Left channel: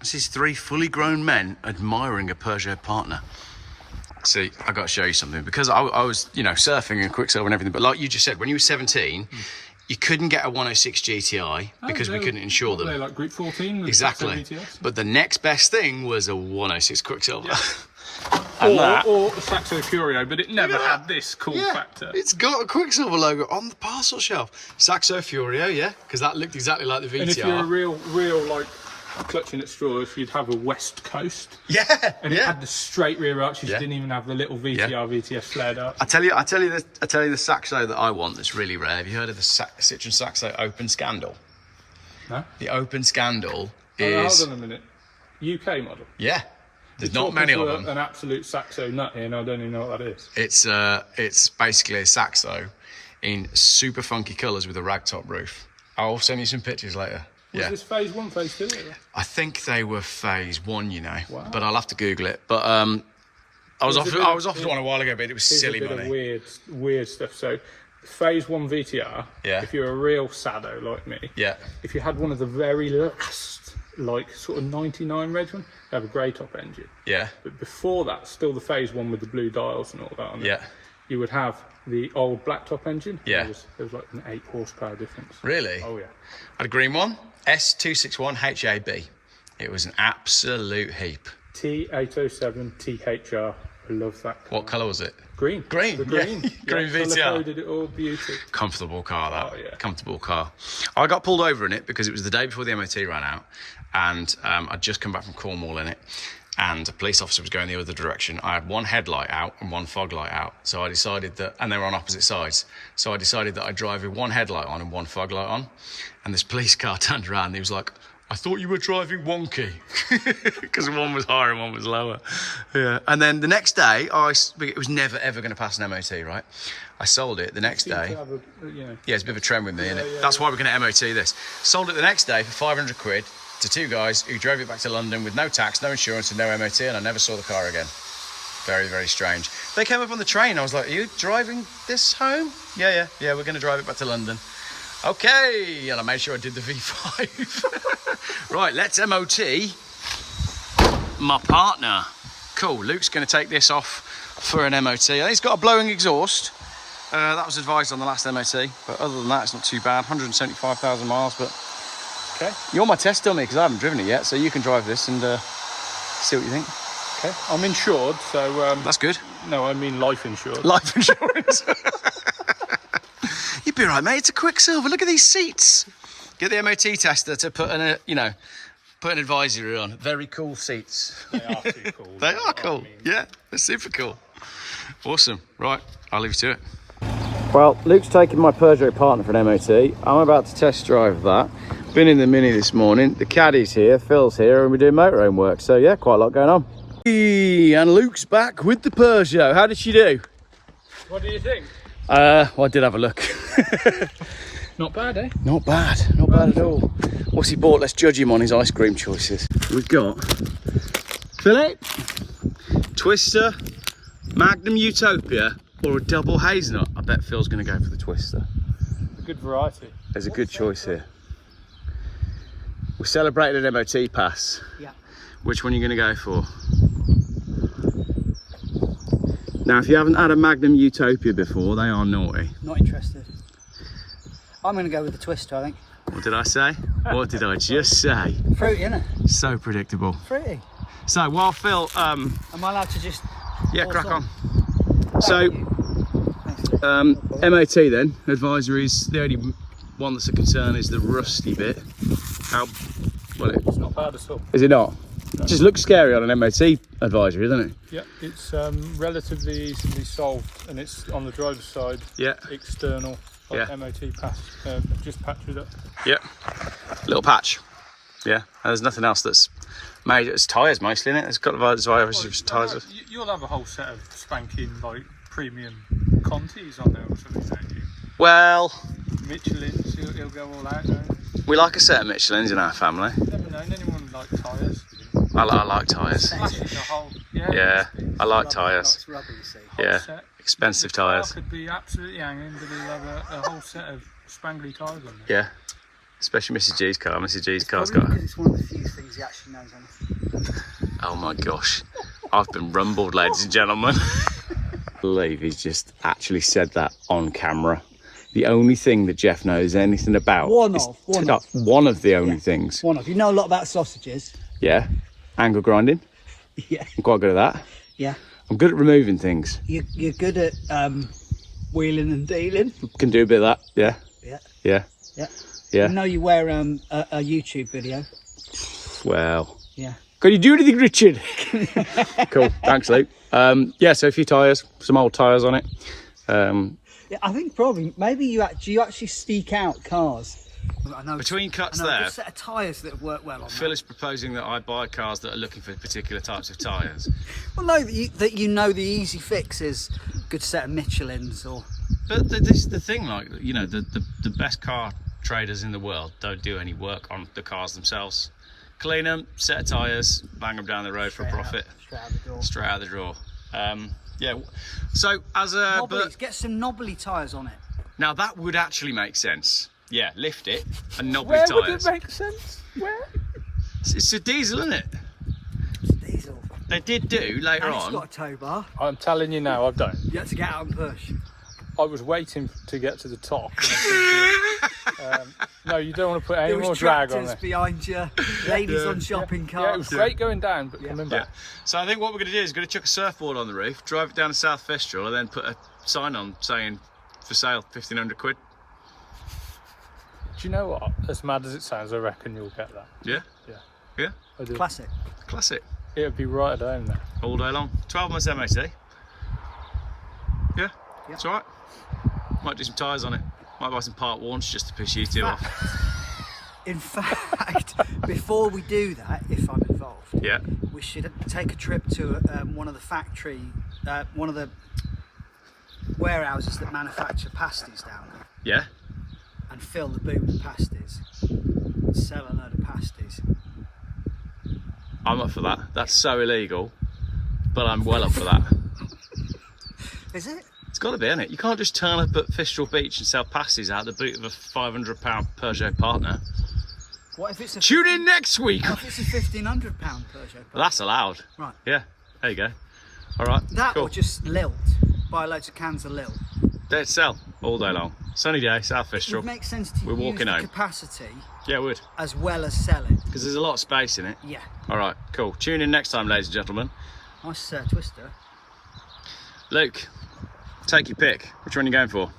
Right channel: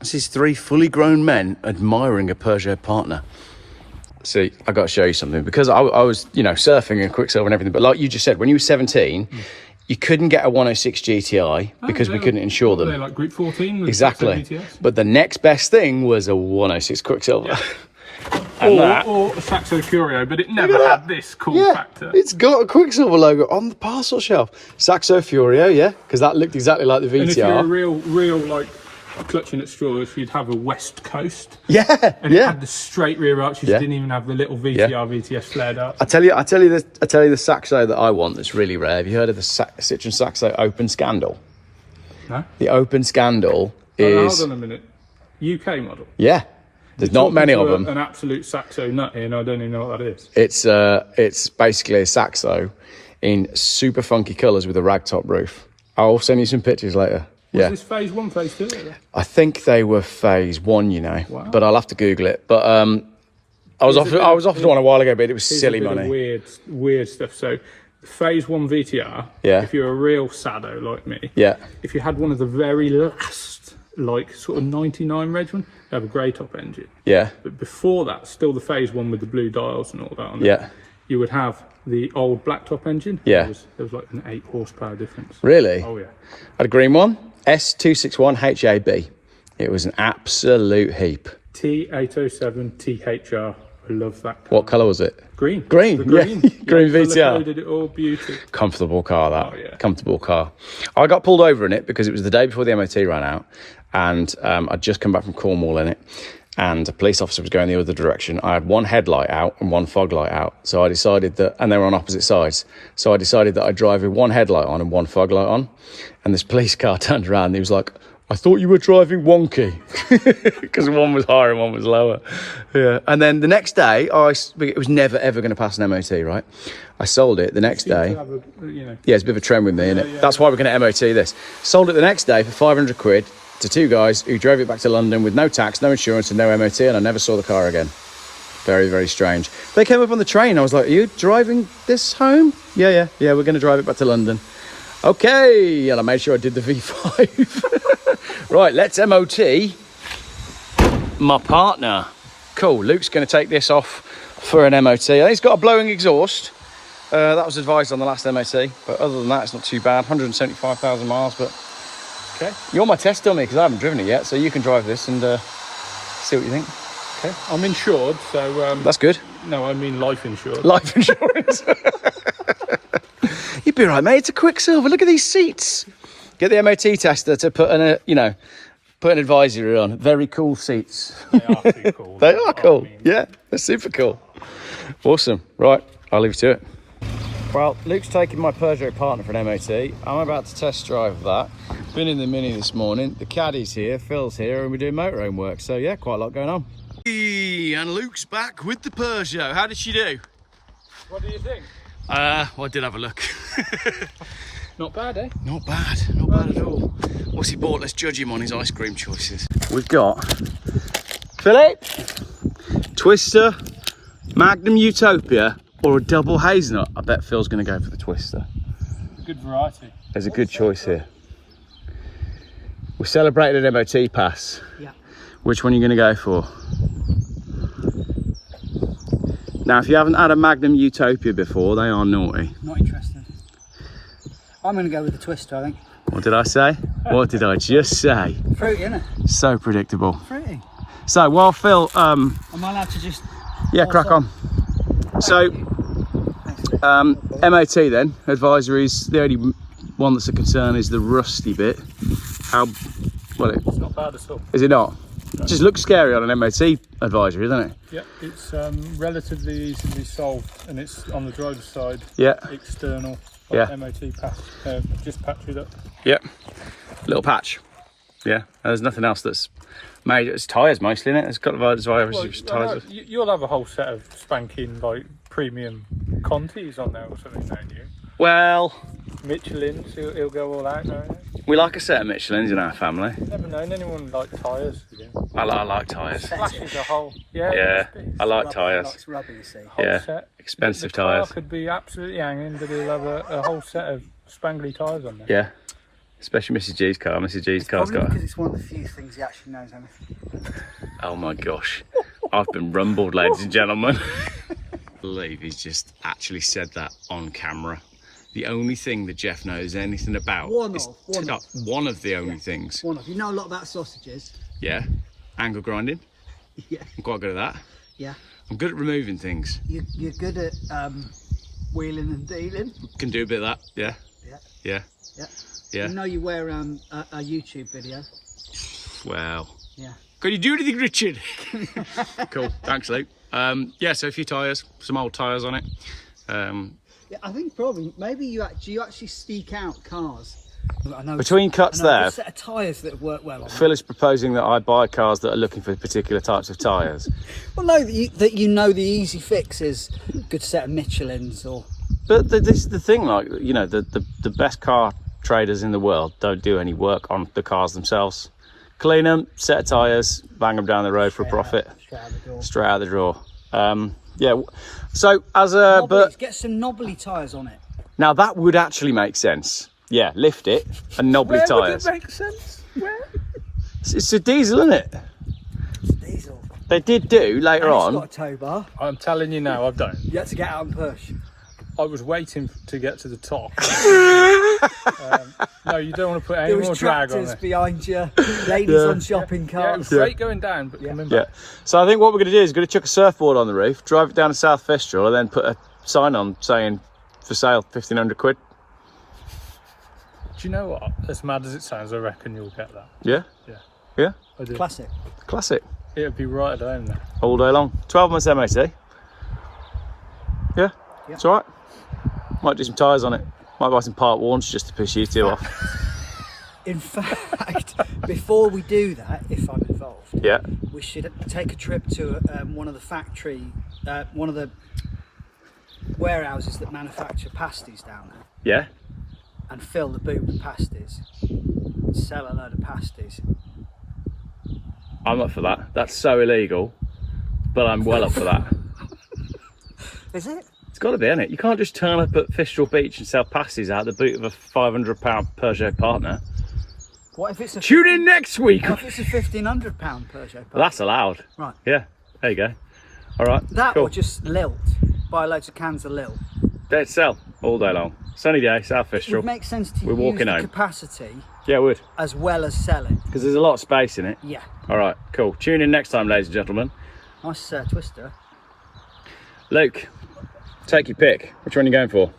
This is 3 fully grown men admiring a Peugeot Partner. See, I got to show you something, because I was, you know, surfing and Quiksilver and everything. But like you just said, when you were 17, you couldn't get a 106 GTI because we couldn't insure them. They're like Group 14. Exactly. But the next best thing was a 106 Quiksilver. Yeah. Or the Saxo Curio, but it never had this cool factor. It's got a Quiksilver logo on the parcel shelf. Saxo Furio, yeah, because that looked exactly like the VTR. And if you're a real like clutching at straws, you'd have a West Coast. Yeah, and it had the straight rear arches. You didn't even have the little VTR, VTS flared up. I tell you the Saxo that I want that's really rare. Have you heard of the Citroen Saxo Open Scandal? No. The Open Scandal is. Hold on a minute. UK model. Yeah. There's not many of them. An absolute Saxo nut here, and I don't even know what that is. It's basically a Saxo in super funky colours with a ragtop roof. I'll send you some pictures later. Was this phase 1, phase 2? I think they were phase 1, you know, but I'll have to Google it. But I was offered one a while ago, but it was silly money. Weird stuff. So, phase 1 VTR. Yeah. If you're a real sado like me. Yeah. If you had one of the very last, like sort of 99 reg one, they have a grey top engine. Yeah. But before that, still the phase 1 with the blue dials and all that. On yeah. It, you would have the old black top engine. Yeah. There was like an 8 horsepower difference. Really? Oh yeah. I had a green one. S261 HAB. It was an absolute heap. T807 THR. I love that. What colour was it? Green. Green, yeah. Green VTR. It all beauty. Comfortable car, that. Oh, yeah. Comfortable car. I got pulled over in it because it was the day before the MOT ran out, and I'd just come back from Cornwall in it, and a police officer was going the other direction. I had one headlight out and one fog light out, so I decided that, and they were on opposite sides, so I decided that I'd drive with one headlight on and one fog light on, and this police car turned around and he was like, I thought you were driving wonky, because one was higher and one was lower. Yeah. And then the next day, it was never ever going to pass an MOT, right? I sold it the next day. Yeah, it's a bit of a trend with me, isn't it? That's why we're going to MOT this. Sold it the next day for 500 quid to 2 guys who drove it back to London with no tax, no insurance and no MOT, and I never saw the car again. Very, very strange. They came up on the train. I was like, are you driving this home? Yeah, we're going to drive it back to London. Okay, and I made sure I did the V5. Right, let's MOT my Partner. Cool, Luke's going to take this off for an MOT. I think it's got a blowing exhaust. That was advised on the last MOT, but other than that, it's not too bad. 175,000 miles, but okay. You're my test dummy because I haven't driven it yet, so you can drive this and see what you think. Okay, I'm insured, so... That's good. No, I mean life insurance. Life insurance. You'd be right, mate. It's a Quiksilver. Look at these seats. Get the MOT tester to put put an advisory on. Very cool seats. They are cool. They are cool. Yeah, they're super cool. Awesome. Right, I'll leave you to it. Well, Luke's taking my Peugeot Partner for an MOT. I'm about to test drive that. Been in the Mini this morning. The Caddy's here, Phil's here, and we're doing motorhome work. So yeah, quite a lot going on. And Luke's back with the Peugeot. How did she do? What do you think? Well, I did have a look. Not bad, eh? Not bad at all. What's he bought? Let's judge him on his ice cream choices. We've got Philip, Twister, Magnum Utopia, or a double hazelnut. I bet Phil's going to go for the Twister. Good variety. There's a good choice here. We celebrated an MOT pass. Yeah. Which one are you going to go for? Now, if you haven't had a Magnum Utopia before, they are naughty. Not interested. I'm going to go with the Twister, I think. What did I say? What did I just say? Fruity, isn't it? So predictable. Fruity. So while Phil, Am I allowed to just... yeah, crack on. So, MOT then, advisories, the only one that's a concern is the rusty bit. It's not bad at all. Is it not? No. It just looks scary on an MOT advisory, doesn't it? Yeah, it's relatively easily solved, and it's on the driver's side. Yeah. External. Yeah. MOT pass. Just patch it up. Yeah. Little patch. Yeah. There's nothing else that's made. It's tyres mostly, isn't it? It's got the tyres. You'll have a whole set of spanking like premium Contis on there or something, don't you? Well, Michelin's, he'll go all out now. We like a set of Michelins in our family. I've never known anyone like tyres. I like tyres. Flashes a whole. Yeah, I like tyres. Yeah, expensive tyres. Could be absolutely hanging, but he'll have a whole set of spangly tyres on there. Yeah. Especially Mrs. G's car. Mrs. G's car's got. Because it's one of the few things he actually knows on it. Oh my gosh. I've been rumbled, ladies and gentlemen. I believe he's just actually said that on camera. The only thing that Geoff knows anything about. One of the only things. One of. You know a lot about sausages. Yeah. Angle grinding. Yeah. I'm quite good at that. Yeah. I'm good at removing things. You're good at wheeling and dealing. Can do a bit of that. Yeah. Yeah. Yeah. Yeah. Yeah. You know you wear a YouTube video. Well. Yeah. Can you do anything, Richard? Cool. Thanks, Luke. Yeah, so a few tyres, some old tyres on it. Yeah, I think probably maybe you actually seek out cars. I know Between cuts there, a set of tyres that work well on Phil is proposing that I buy cars that are looking for particular types of tyres. Well, no, that you know the easy fix is a good set of Michelins or. But this is the thing, like, you know, the best car traders in the world don't do any work on the cars themselves. Clean them, set of tyres, bang them down the road for a profit. Straight out the drawer. Yeah. So as a get some knobbly tyres on it. Now that would actually make sense. Yeah, lift it and knobbly tyres. Where would it make sense? Where? It's a diesel, isn't it? It's diesel. They did do later And on. It's got a tow bar. I'm telling you now, I've done. You had to get out and push. I was waiting to get to the top. No, you don't want to put any There more was drag on tractors it. behind you, ladies on shopping Yeah, it was carts. great going down, but coming Yeah. back. So I think what we're going to do is we're going to chuck a surfboard on the roof, drive it down to South Fistral, and then put a sign on saying for sale, 1,500 quid. Do you know what? As mad as it sounds, I reckon you'll get that. Yeah? Yeah. Yeah? I do. Classic. Classic. It'd be right at home then. All day long. 12 months MOT. Yeah? It's all right. Might do some tyres on it. Might buy some part warns just to piss you two off. In fact, before we do that, if I'm involved, Yeah. we should take a trip to one of the warehouses that manufacture pasties down there, Yeah? and fill the boot with pasties, sell a load of pasties. I'm up for that. That's so illegal, but I'm well up for that. Is it? It's got to be, isn't it? You can't just turn up at Fistral Beach and sell pasties out the boot of a £500 Peugeot Partner. What if it's a Tune in next week. What if it's a £1,500 Peugeot Partner? That's allowed. Right. Yeah, there you go. All right. That cool. or just lilt. Buy loads of cans of lilt. They'd sell all day long. Sunny day, South It Fistral. would make sense to We're use walking the home. capacity Yeah, it would. as well as sell it. Because there's a lot of space in it. Yeah. All right, cool. Tune in next time, ladies and gentlemen. Nice twister. Luke, take your pick. Which one are you going for?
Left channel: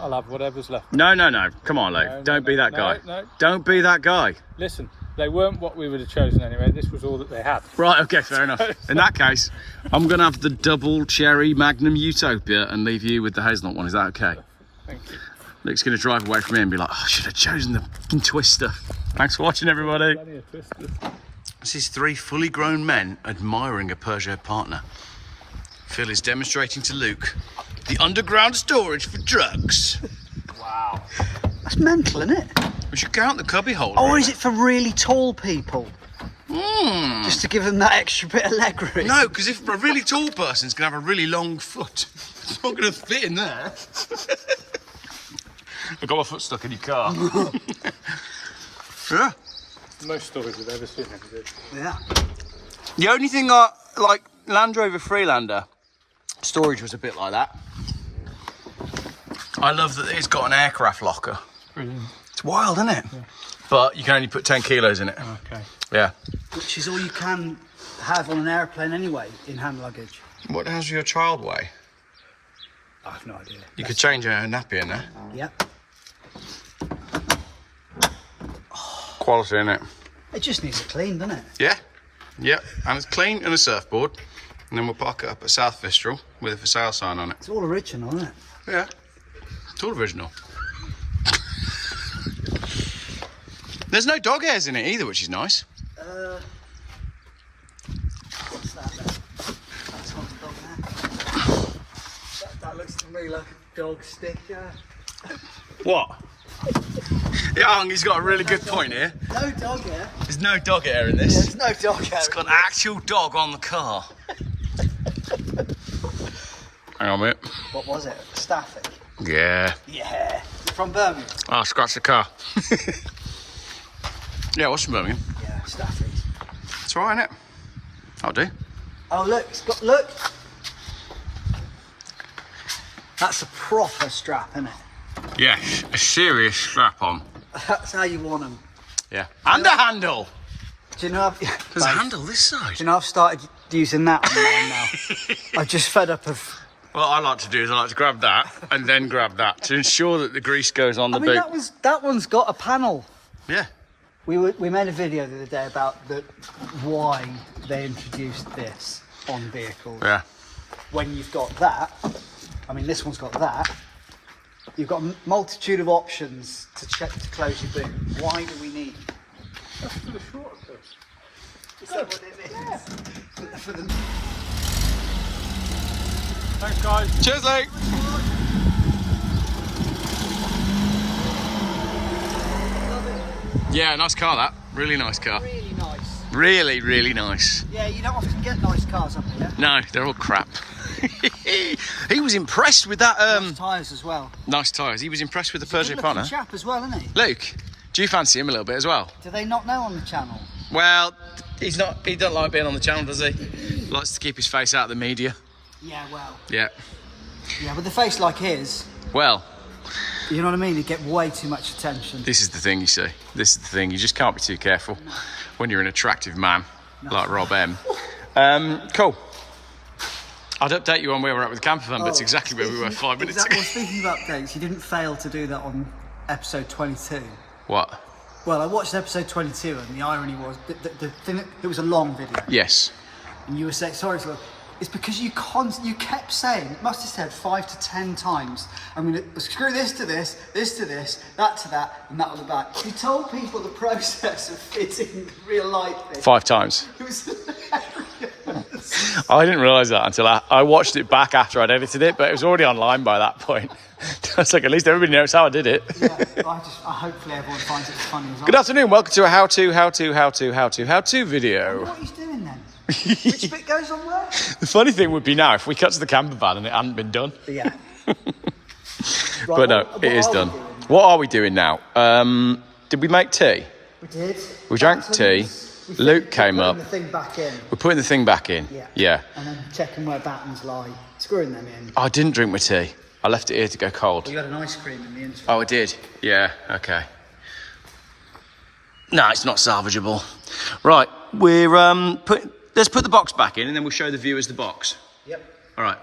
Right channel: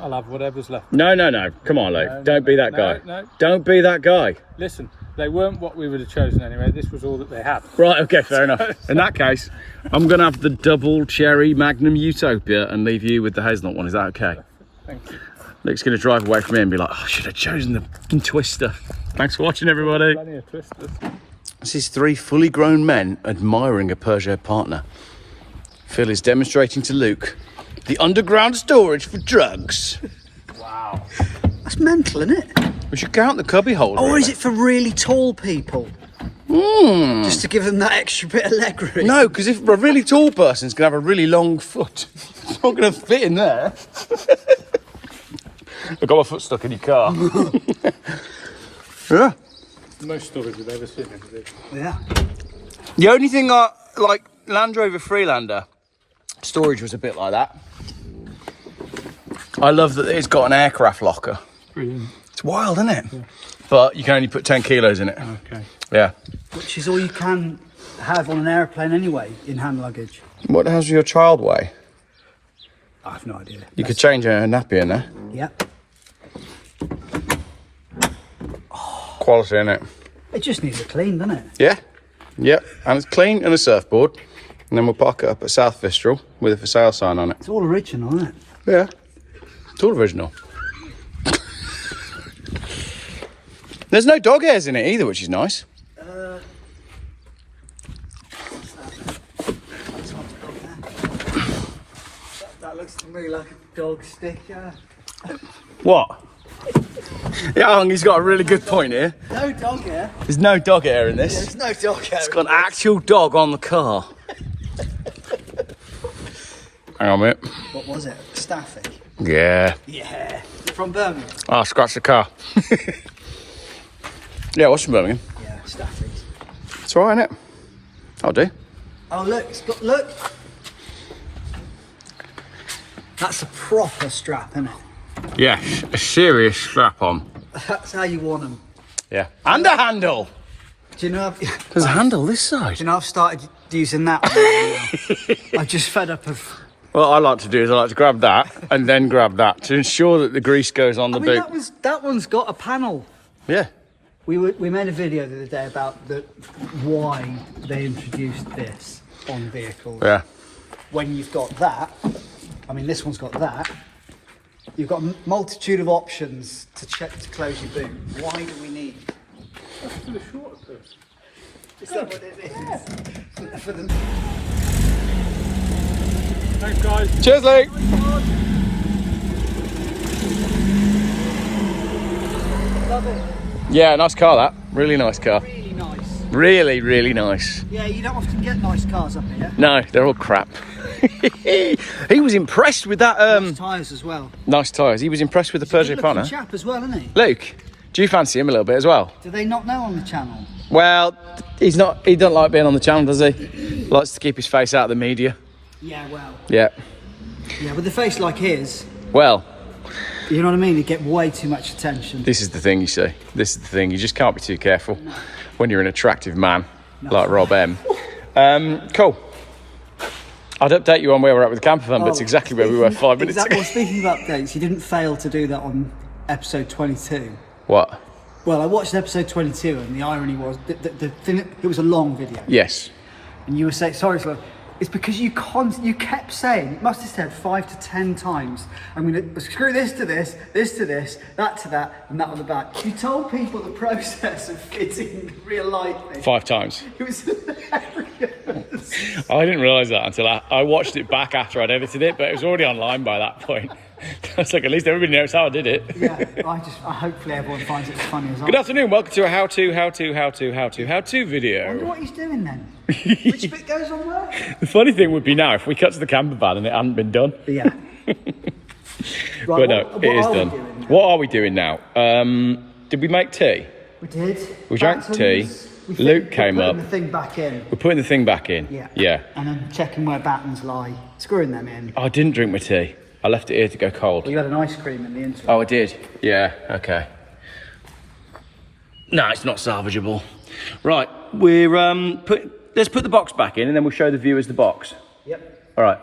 I'll have whatever's left. No. Come on, Luke. No, Don't be that no, guy. no. Don't be that guy. Listen, they weren't what we would have chosen anyway. This was all that they had. Right, okay, fair enough. In that case, I'm going to have the double cherry Magnum Utopia and leave you with the hazelnut one. Is that okay? Thank you. Luke's going to drive away from me and be like, oh, I should have chosen the fucking Twister. Thanks for watching, everybody. Plenty of twisters. This is three fully grown men admiring a Peugeot Partner. Phil is demonstrating to Luke the underground storage for drugs. Wow. That's mental, isn't it? We should count the cubby holder. Or is it for really tall people? Just to give them that extra bit of leg room? No, because if a really tall person's going to have a really long foot, it's not going to fit in there. I've got my foot stuck in your car. Yeah. Most storage I've ever seen. Yeah. The only thing I like, Land Rover Freelander storage was a bit like that. I love that it's got an aircraft locker. Brilliant. It's wild, isn't it? Yeah. But you can only put 10 kilos in it. Okay. Yeah. Which is all you can have on an airplane anyway, in hand luggage. What the hell's your child weigh? I have no idea. You could change a nappy in there. Yeah. Quality, innit? It just needs a clean, doesn't it? Yeah. Yep. And it's clean and a surfboard. And then we'll park it up at South Fistral with a for sale sign on it. It's all original, isn't it? Yeah. It's all original. There's no dog hairs in it either, which is nice. What's that? That's not a dog hair. That looks to me like a dog stick, yeah. What? Yeah, he's got a really good point here. No dog hair. There's no dog hair in this. There's no dog hair. It's got an actual dog on the car. Hang on a minute. What was it? Staffy? Yeah. Yeah. from Birmingham. Oh, scratch the car. Yeah, what's from Birmingham? Yeah, Stafford. It's all right, isn't it? I'll do. Oh look, it's got look. That's a proper strap, isn't it? Yeah, a serious strap on. That's how you want them. Yeah. And a handle. Do you know? There's a handle this side. Do you know I've started using that one now. I'm just fed up of. What I like to do is I like to grab that and then grab that to ensure that the grease goes on the boot. That one's got a panel. Yeah. We made a video the other day about why they introduced this on vehicles. Yeah. When you've got that, I mean this one's got that, you've got a multitude of options to check to close your boot. Why do we need? Is that what it is? For the... Thanks, guys. Cheers, Luke. Love it. Yeah, nice car that. Really nice car. Really nice. Really, really nice. Yeah, you don't often get nice cars up here. No, they're all crap. He was impressed with that. Tyres as well. Nice tyres. He was impressed with the Peugeot Partner. Chap as well, isn't he? Luke, do you fancy him a little bit as well? Do they not know on the channel? Well, he's not. He doesn't like being on the channel, does he? Likes to keep his face out of the media. Yeah, well. Yeah. Yeah, with a face like his, Well, you know what I mean? He'd get way too much attention. this is the thing, you see. This is the thing. You just can't be too careful when you're an attractive man like Rob M. Cool. I'd update you on where we're at with the camper van, but it's exactly where we were 5 minutes ago. Well, speaking of updates, you didn't fail to do that on episode 22. What? Well, I watched episode 22, and the irony was the thing. It was a long video, Yes. and you were saying sorry for. It's because you kept saying, it must have said 5 to 10 times, I'm going to screw this to this, this to this, that to that, and that on the back. You told people the process of fitting real life. 5 times. It was hilarious. I didn't realise that until I watched it back after I'd edited it, but it was already online by that point. I was like, at least everybody knows how I did it. Yeah, hopefully everyone finds it as funny as I. Good afternoon, welcome to a how-to video. What he's doing then? Which bit goes on where? The funny thing would be now if we cut to the camper van and it hadn't been done. Yeah. But no, it is done. What are we doing now? Did we make tea? We did. We drank tea. Luke came up. Putting the thing back in. We're putting the thing back in. Yeah. And then checking where battens lie, screwing them in. I didn't drink my tea. I left it here to go cold. You had an ice cream in the interim. Oh, I did? Yeah, okay. No, it's not salvageable. Right, we're let's put the box back in and then we'll show the viewers the box. Yep. All right.